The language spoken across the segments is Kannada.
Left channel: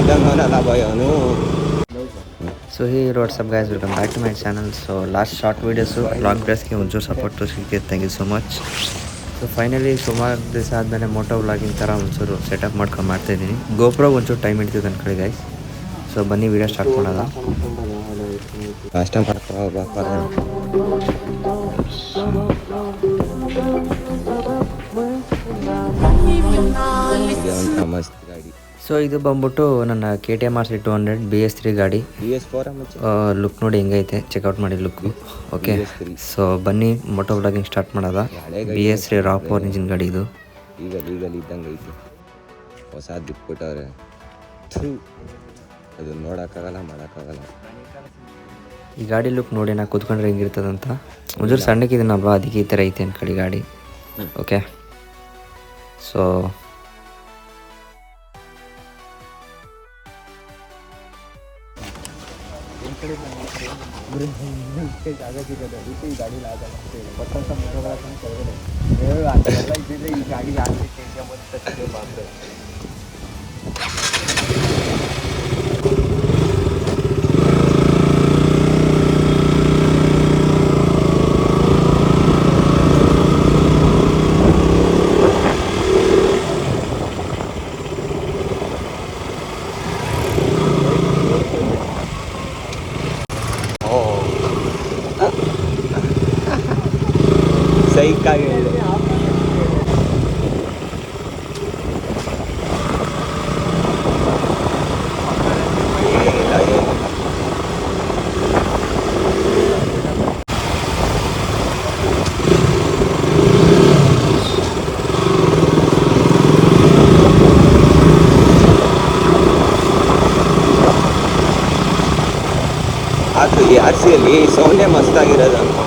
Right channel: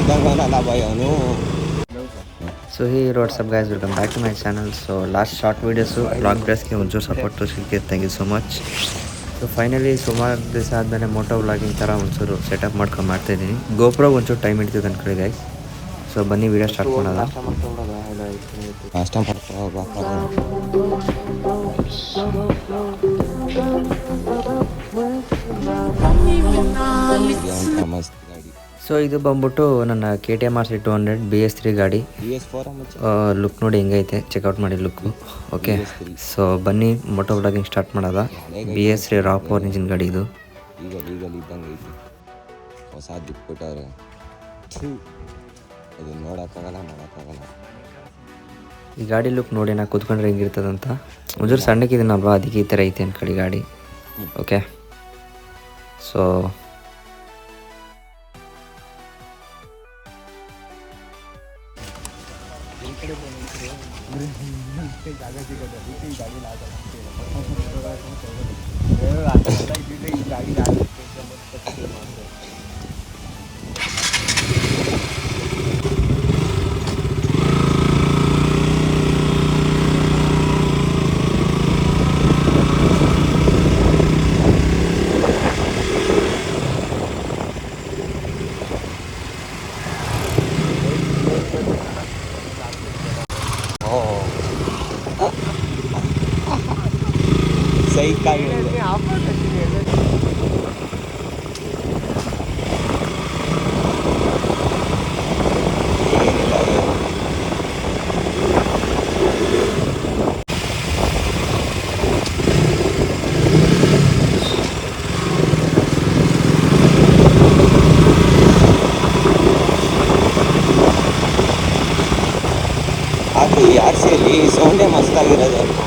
ಇದ್ದಂಗೆ ಅವನಲ್ಲ ಬಾಯ್ ಅವನು. So hey what's up guys, welcome back to my channel. So last short videos long ವೀಡಿಯೋಸ್ಗೆ ಒಂಚೂರು ಸಪೋರ್ಟ್ ತೋರಿಸಿದ್ದಕ್ಕೆ thank you so much. So finally ಸುಮಾರು ದಿವಸ ಆದಮೇಲೆ ಮೋಟೋ ವ್ಲಾಗಿಂಗ್ ಥರ ಒಂಚೂರು ಸೆಟಪ್ ಮಾಡ್ಕೊಂಡು ಮಾಡ್ತಾಯಿದ್ದೀನಿ. ಗೋಪ್ರೋ ಒಂಚೂರು ಟೈಮ್ ಹಿಡಿತದೆ ಅಂದ್ಕೊಳ್ಳಿ ಗೈಸ್. ಸೊ ಬನ್ನಿ ವಿಡಿಯೋ ಸ್ಟಾರ್ಟ್ ಮಾಡೋಣ. ಕಷ್ಟ ಮಾಡ್ಕೊ ಮಸ್ತ್ ಗಾಡಿ. ಸೊ ಇದು ಬಂದ್ಬಿಟ್ಟು ನನ್ನ KTM RC 200 BS3 ಗಾಡಿ. ಲುಕ್ ನೋಡಿ ಹೆಂಗೈತೆ, ಚೆಕ್ಔಟ್ ಮಾಡಿ ಲುಕ್ಕು. ಓಕೆ, ಸೊ ಬನ್ನಿ ಮೋಟೋ ವ್ಲಾಗಿಂಗ್ ಸ್ಟಾರ್ಟ್ ಮಾಡೋದ. BS3 ರಾ ಪವರ್ ಇಂಜಿನ್ ಗಾಡಿ ಇದು. ಈಗ ಲೀಗಲ್ ಇದ್ದಂಗೆ ಐತಿ, ಹೊಸದು ಬಿಟ್ಬಿಟ್ಟವ್ರೆ. ಅದು ನೋಡೋಕ್ಕಾಗಲ್ಲ, ಮಾಡೋಕ್ಕಾಗಲ್ಲ. ಈ ಗಾಡಿ ಲುಕ್ ನೋಡಿ ನಾ ಕೂತ್ಕೊಂಡ್ರೆ ಹೆಂಗಿರ್ತದಂತ. ಒಂಚೂರು ಸಣ್ಣಕ್ಕಿದ್ದೀನಲ್ವಾ, ಅದಕ್ಕೆ ಈ ಥರ ಐತೆ ಅನ್ಕೊಳ್ಳಿ ಗಾಡಿ. ಓಕೆ, ಸೊ ಸೈಕಾಗಿ ಏನಿಲ್ಲ ಏನು. ಅದು ಈ RC ಯಲ್ಲಿ ಸೌಂಡೇ ಮಸ್ತಾಗಿರೋದು ಅಂತ.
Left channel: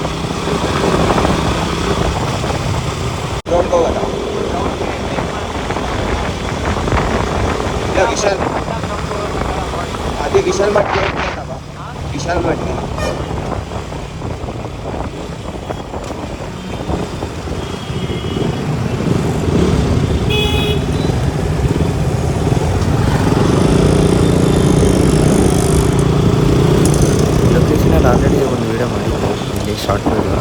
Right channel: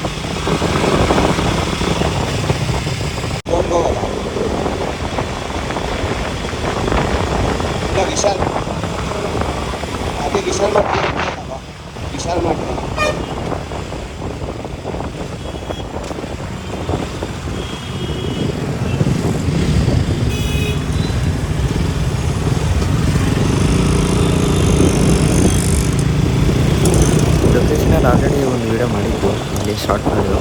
ಗ್ರೌಂಡ್ಗೆ ಹೋಗೋದ ಇಲ್ಲ ವಿಶಾಲ್, ಅದೇ ವಿಶಾಲ್ ಮಾಡ್ತೀವಿ, ವಿಶಾಲ್ ಮಾಡ್ತೀವಿ. ಲೊಕೇಶನಲ್ಲಿ ಆಲ್ರೆಡಿ ಒಂದು ವಿಡಿಯೋ ಮಾಡಿದ್ದೆ, ಇಲ್ಲಿ ಶಾರ್ಟ್ ವಿಡಿಯೋ.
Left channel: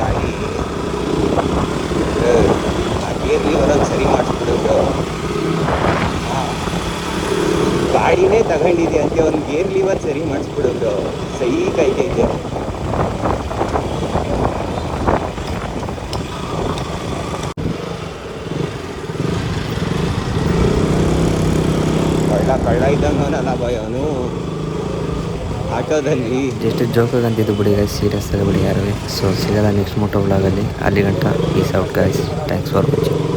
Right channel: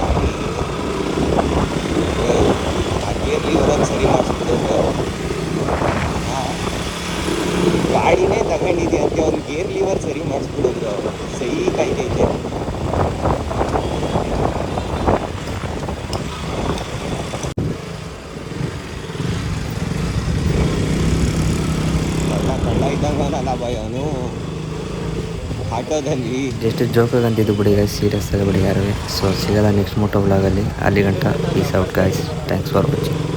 ಗಾಡಿ ಆ ಗೇರ್ ಲೀವರಲ್ಲಿ ಸರಿ ಮಾಡಿಸ್ಬಿಡೋದು. ಗಾಡಿನೇ ತಗೊಂಡಿದ್ದಿ ಅಂತ ಒಂದು ಗೇರ್ ಲೀವರ್ ಸರಿ ಮಾಡಿಸ್ಬಿಡಿದ್ರು, ಸಹಿ ಕಾಯ್ತೈತೆ. ಕಳ್ಳ ಇದ್ದಂಗೆ ಅವನಲ್ಲ ಬಾಯ್ ಅವನು ಆಟೋದಲ್ಲಿ. ಜಸ್ಟ್ ಜೋಕಾಗಿ ಅಂತಿದ್ದು ಬಿಡಿ ಗೈಸ್, ಸೀರಿಯಸ್ ಆಗಬೇಡಿ ಯಾರು. ಸೊ ಸಿಗೋದ ನೆಕ್ಸ್ಟ್ ಮೋಟೋ ವ್ಲಾಗಲ್ಲಿ. ಅಲ್ಲಿ ಗಂಟ piece out guys, thanks for watching.